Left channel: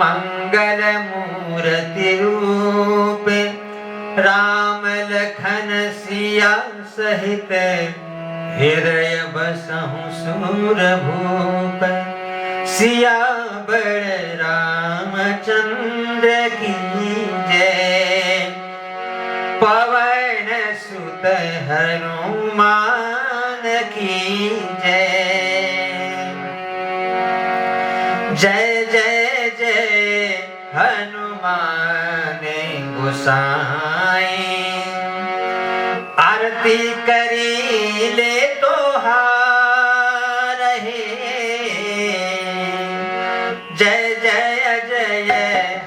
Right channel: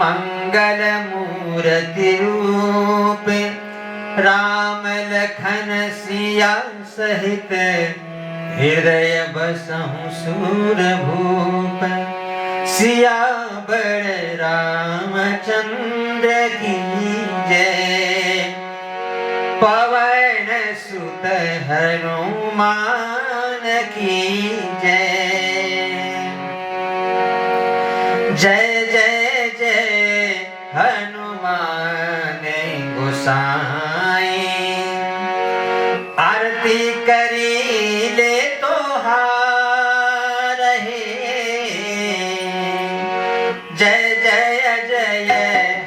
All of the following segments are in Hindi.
मंगल मूर्ति रूप, राम लखन सिया सहित हृदय बसहु सूरभूप। सियावर रामचंद्र की जय, पवन सुत हनुमान की जय। जय जय जय हनुमान गोसाई, आरती करी ले तो हार है। जय जय जय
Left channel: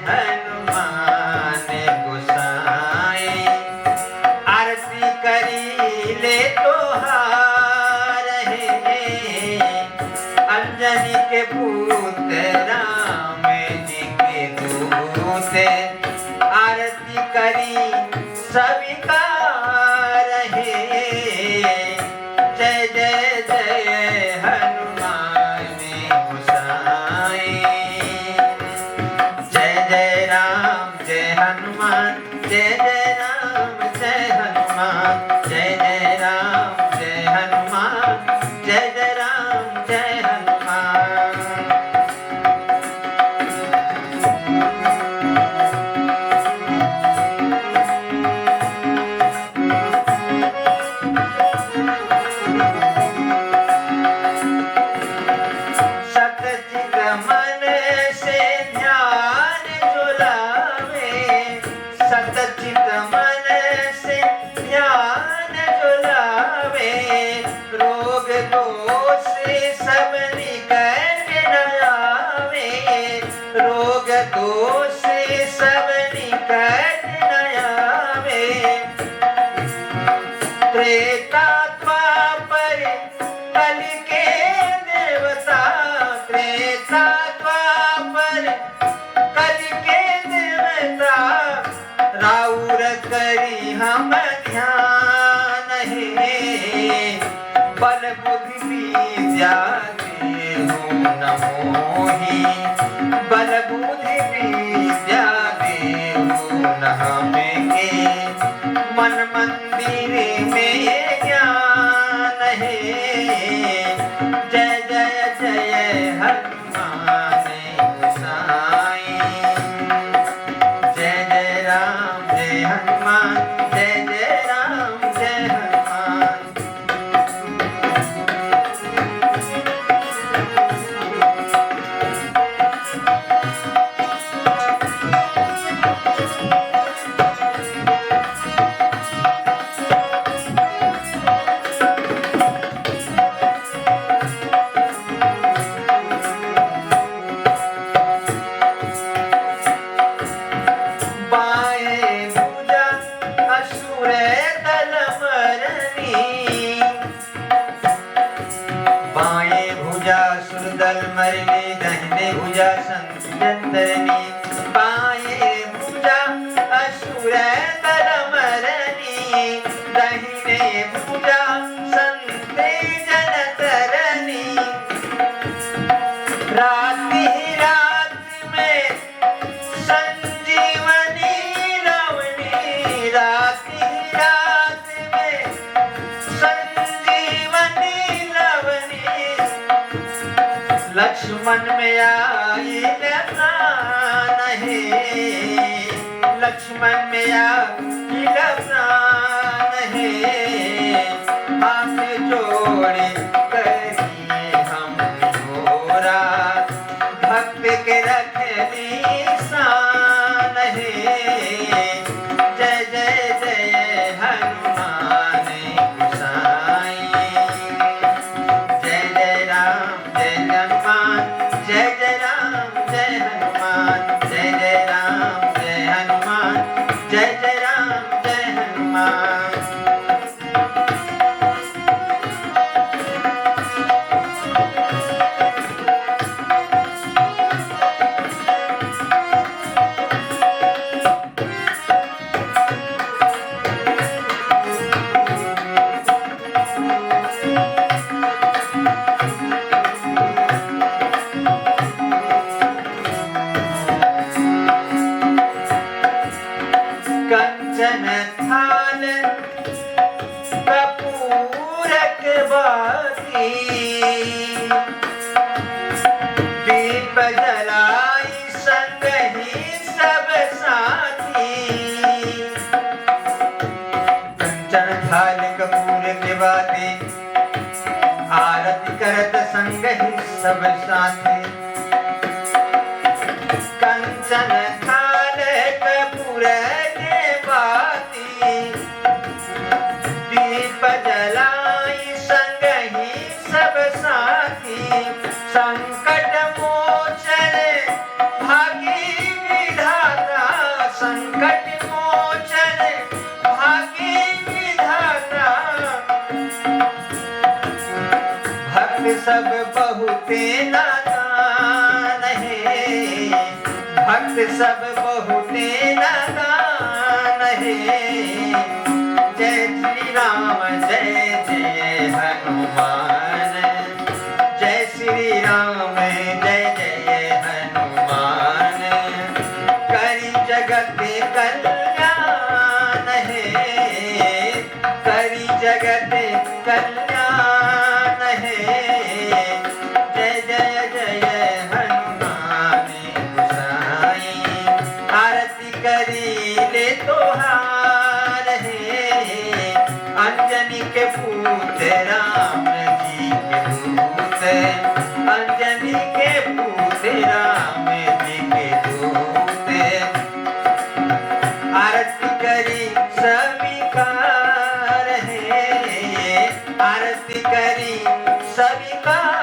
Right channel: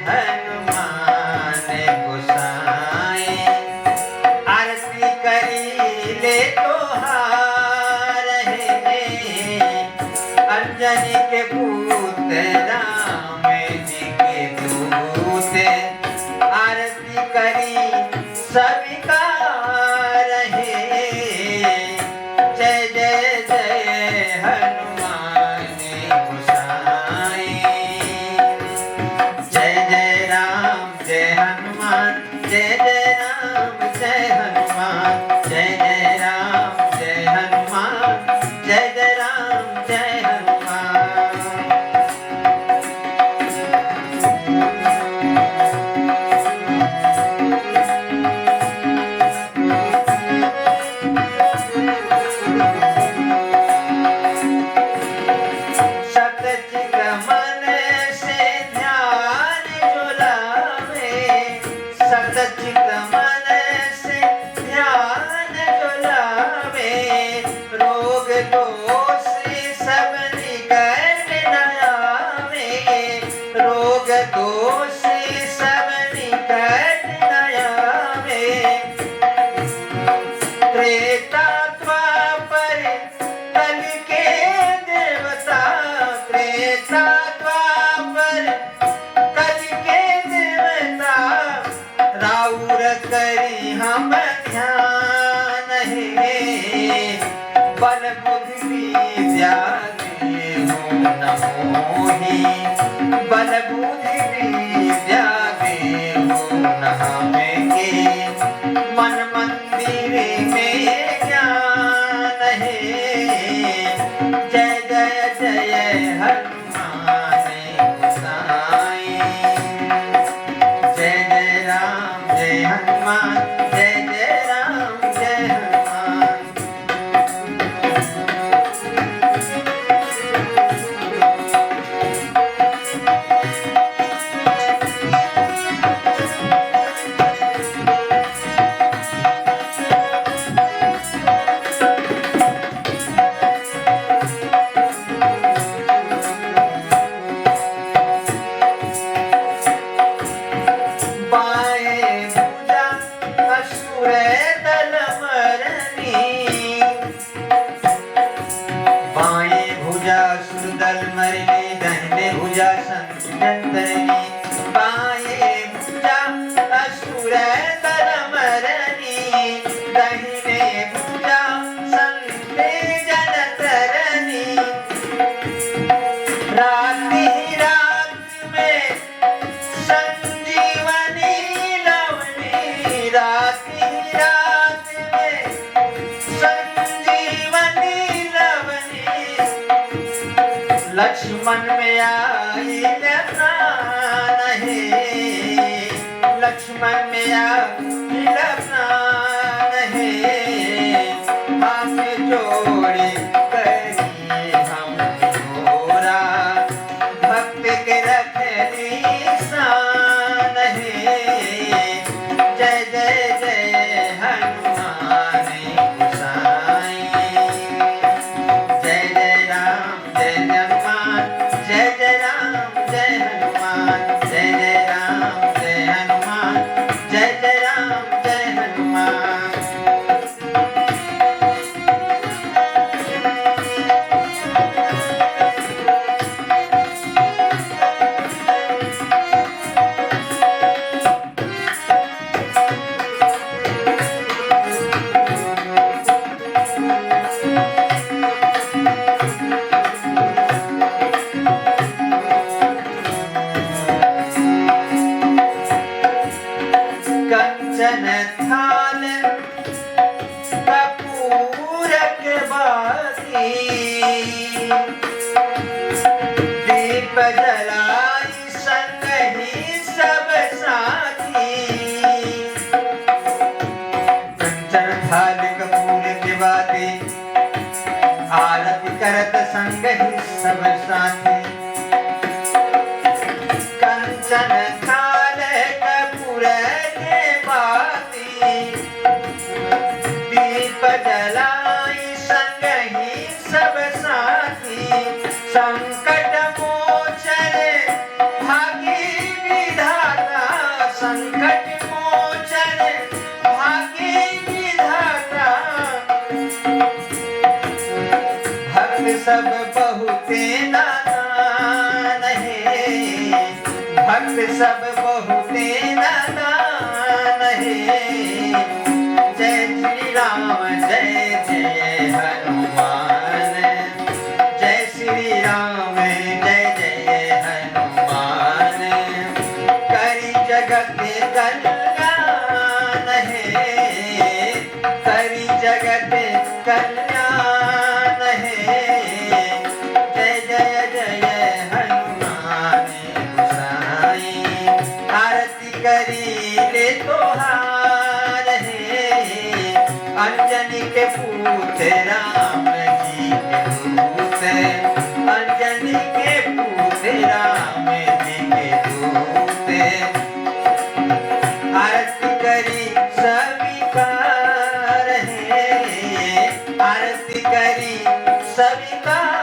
हनुमान गोसाई, आरती करी ले तो हार है। अंजनी के पुत्र राम जी के दूत, आरती करी स्वीकार है। जय जय जय हनुमान गोसाई, जय जय राम जय हनुमान, जय जय राम जय हनुमान, जय जय राम जय हनुमान, जय जय राम जय हनुमान। सतचित मन से ध्यान जो लावे, सतचित मन से ध्यान जो लावे, रोग दोष सब निकट न आवे, रोग दोष सब निकट न आवे। त्रेता द्वापर कल के देवता, त्रेता द्वापर कल के देवता, राउर करी हम ध्यान है। बल बुद्धि विद्या देहु न मोहि, बल बुद्धि विद्या देहु न हमें। मन मंदिर में ज्ञान है। जय जय जय हनुमान गोसाई, जय जय राम जय हनुमान, जय जय राम जय हनुमान। बाएं भुजा असुर दल मरनी, बाएं भुजा असुर दल मरनी, दाहिने भुजा संतरनी। बाएं भुजा असुर दल मरनी, दाहिने भुजा संत जन तरनी। राति रात में संजीवनी लवनी, राति रात में संजीवनी लवनी। लक्ष्मण में आई प्राण है, लक्ष्मण में आई प्राण है। हाथ जोड़े कही हम गोरा, भक्त के रखनी शान है। जय जय जय हनुमान गोसाई, जय जय राम जय हनुमान, जय जय राम जय हनुमान, जय जय राम जय हनुमान, जय जय राम जय हनुमान। संग ही सब साथी। कंचन थाल कपूर दिवाते, आरती करत संग ही सब साथी। कंचन थाल कपूर दिवाती, दीप जलाई संग ही सब साथी। संकट मोचन भागी विधाता, संकट मोचन भागी विधाता। भक्त सब बहुते नादान है, भक्त सब बहुते नादान है। जय श्री राम जय जय हनुमान, जय श्री राम जय जय हनुमान। करी जगत कल्याण है, करी जगत कल्याण है। जय जय जय हनुमान गोसाई, आरती करी ले तोहार है। अंजनी के पूत राम जी के दूत, अंजनी के पूत राम जी के दूत। आरती करी स्वीकार है, आरती करी स्वीकार